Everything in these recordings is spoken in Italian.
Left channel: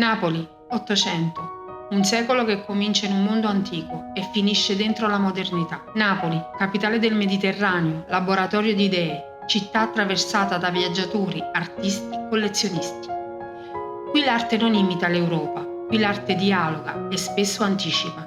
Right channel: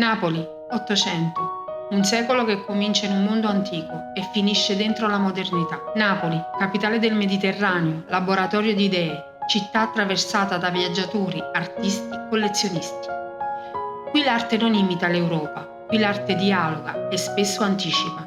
Napoli, 800. Un secolo che comincia in un mondo antico e finisce dentro la modernità. Napoli, capitale del Mediterraneo, laboratorio di idee, città attraversata da viaggiatori, artisti, collezionisti. Qui l'arte non imita l'Europa, qui l'arte dialoga e spesso anticipa.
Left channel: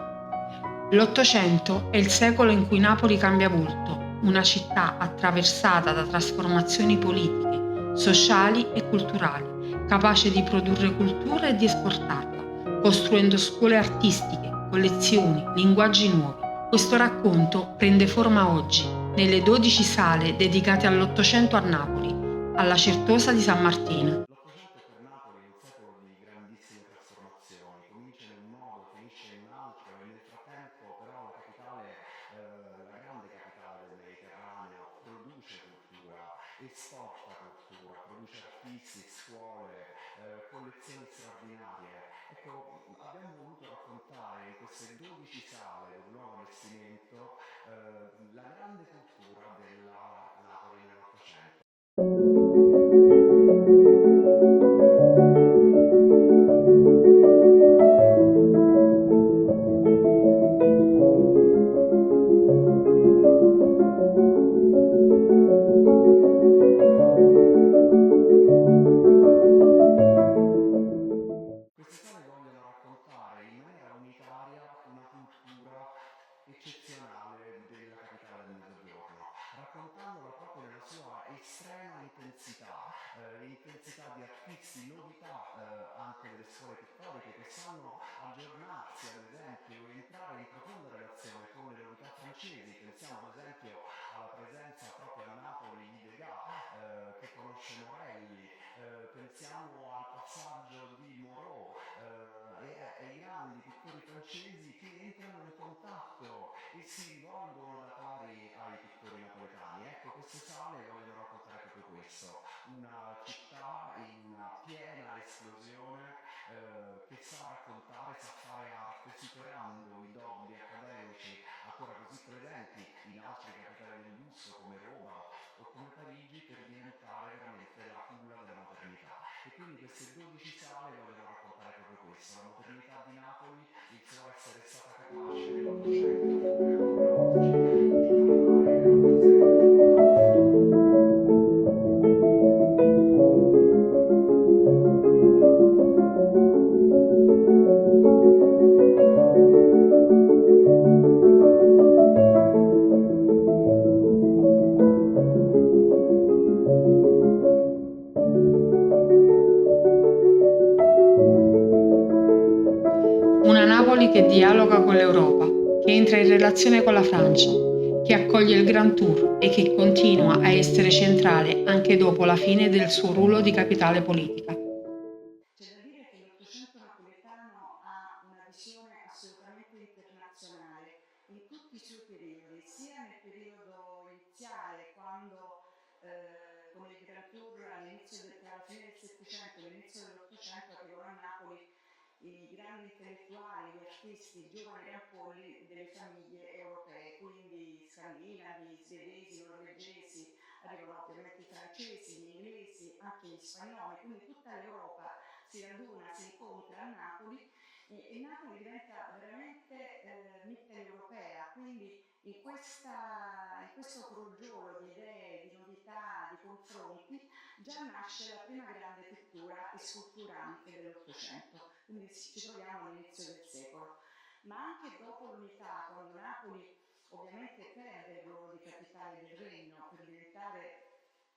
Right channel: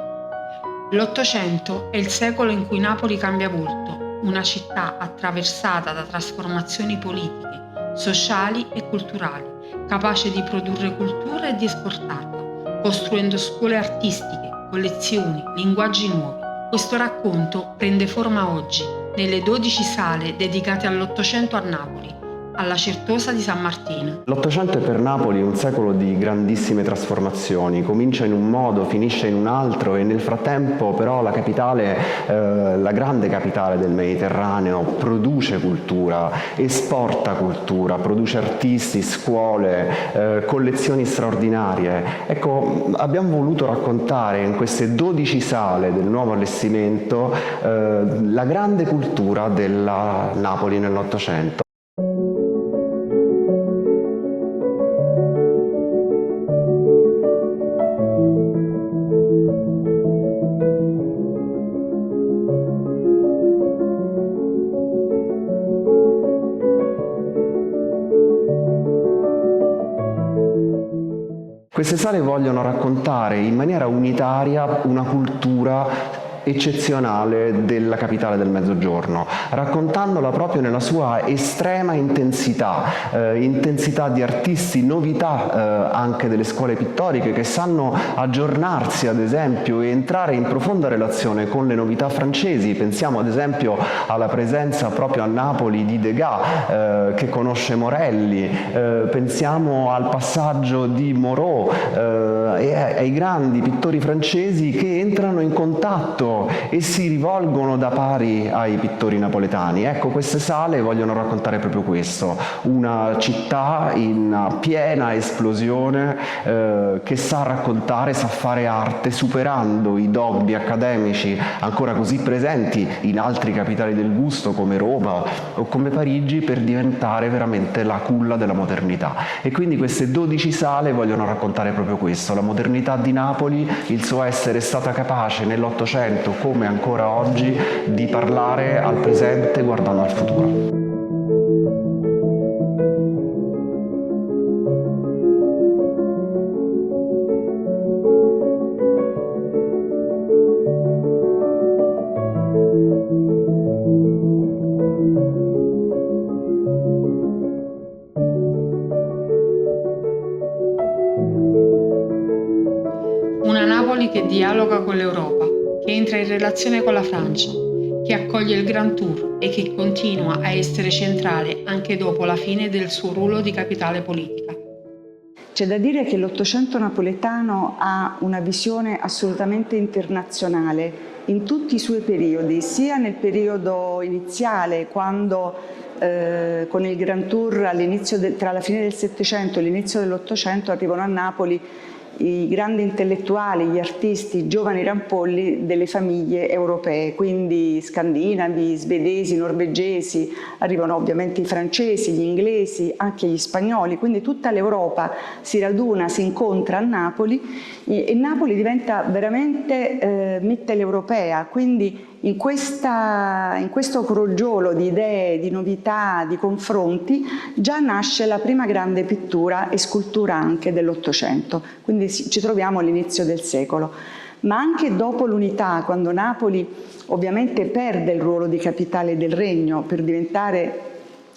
L'Ottocento è il secolo in cui Napoli cambia volto, una città attraversata da trasformazioni politiche, sociali e culturali, capace di produrre cultura e di esportarla, costruendo scuole artistiche, collezioni, linguaggi nuovi. Questo racconto prende forma oggi, nelle 12 sale dedicate all'Ottocento a Napoli, alla Certosa di San Martino. L'Ottocento è per Napoli un secolo di grandissime trasformazioni, comincia in un modo, finisce in un altro e nel frattempo però la capitale, la grande capitale del Mediterraneo, produce cultura, esporta cultura, produce artisti, scuole, collezioni straordinarie. Ecco, abbiamo voluto raccontare in queste 12 sale del nuovo allestimento la grande cultura della Napoli nell'Ottocento. Queste sale vogliono raccontare in maniera unitaria una cultura eccezionale della capitale del Mezzogiorno, raccontandola proprio nella sua estrema intensità, intensità di artisti, novità anche delle scuole pittoriche che sanno aggiornarsi ad esempio e entrare in profonda relazione con le novità francesi. Pensiamo ad esempio alla presenza proprio a Napoli di Degas che conosce Morelli, pensiamo al passaggio di Moreau e ai grandi pittori francesi che entrano in contatto e si rivolgono da pari ai pittori napoletani. Ecco, queste sale vogliono raccontare proprio questo, una città in piena esplosione che sa raccontare, sa fare arte, superando i dogmi accademici ancora così presenti in altri capitali del gusto come Roma o come Parigi, per diventare veramente la culla della modernità. E quindi queste 12 sale vogliono raccontare proprio questo, la modernità di Napoli, il suo essere stata capace nell'Ottocento come ancora oggi di parlare al presente guardando al futuro. Una Napoli che dialoga con l'Europa, che entra in relazione con la Francia, che accoglie il Grand Tour e che continua a essere centrale anche dopo la fine del suo ruolo di capitale politica. C'è da dire che l'Ottocento napoletano ha una visione assolutamente internazionale in tutti i suoi periodi, sia nel periodo iniziale, quando con il Grand Tour tra la fine del Settecento e l'inizio dell'Ottocento arrivano a Napoli i grandi intellettuali, gli artisti, i giovani rampolli delle famiglie europee, quindi scandinavi, svedesi, norvegesi, arrivano ovviamente i francesi, gli inglesi, anche gli spagnoli, quindi tutta l'Europa si raduna, si incontra a Napoli e Napoli diventa veramente mitteleuropea, quindi in questo crogiolo di idee, di novità, di confronti, già nasce la prima grande pittura e scultura anche dell'Ottocento, quindi ci troviamo all'inizio del secolo. Ma anche dopo l'unità, quando Napoli ovviamente perde il ruolo di capitale del regno per diventare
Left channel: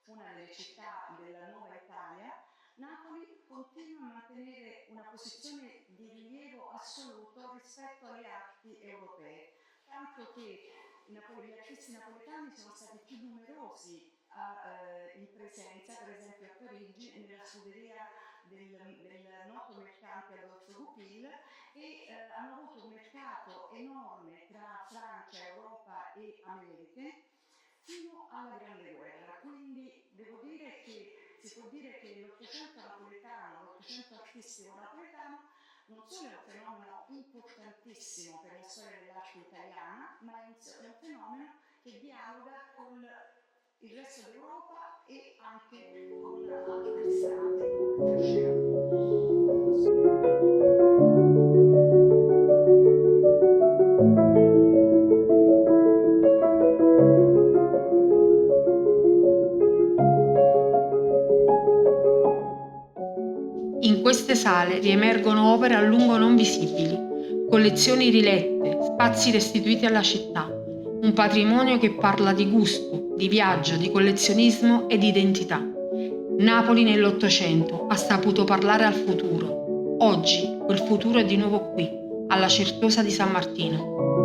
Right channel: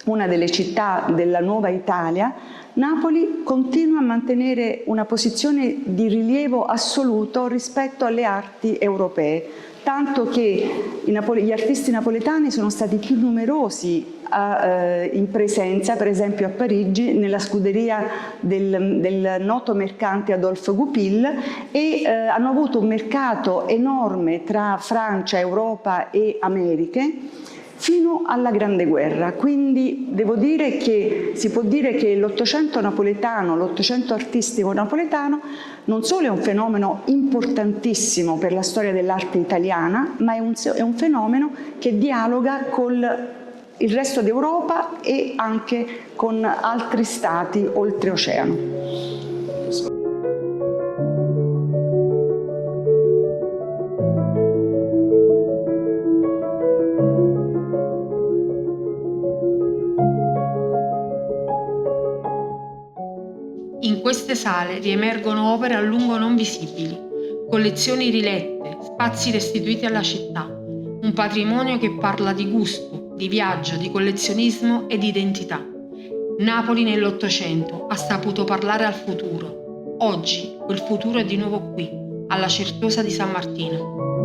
una delle città della nuova Italia, Napoli continua a mantenere una posizione di rilievo assoluto rispetto alle arti europee, tanto che gli artisti napoletani sono stati più numerosi in presenza, per esempio a Parigi, nella scuderia del noto mercante Adolphe Goupil e hanno avuto un mercato enorme tra Francia, Europa e Americhe fino alla Grande Guerra. Quindi devo dire che si può dire che l'Ottocento napoletano, l'Ottocento artistico napoletano non solo è un fenomeno importantissimo per la storia dell'arte italiana, ma è un fenomeno che dialoga con il resto d'Europa e anche con altri stati oltreoceano. In queste sale riemergono opere a lungo non visibili, collezioni rilette, spazi restituiti alla città, un patrimonio che parla di gusto, di viaggio, di collezionismo e di identità. Napoli nell'Ottocento ha saputo parlare al futuro. Oggi quel futuro è di nuovo qui, alla Certosa di San Martino.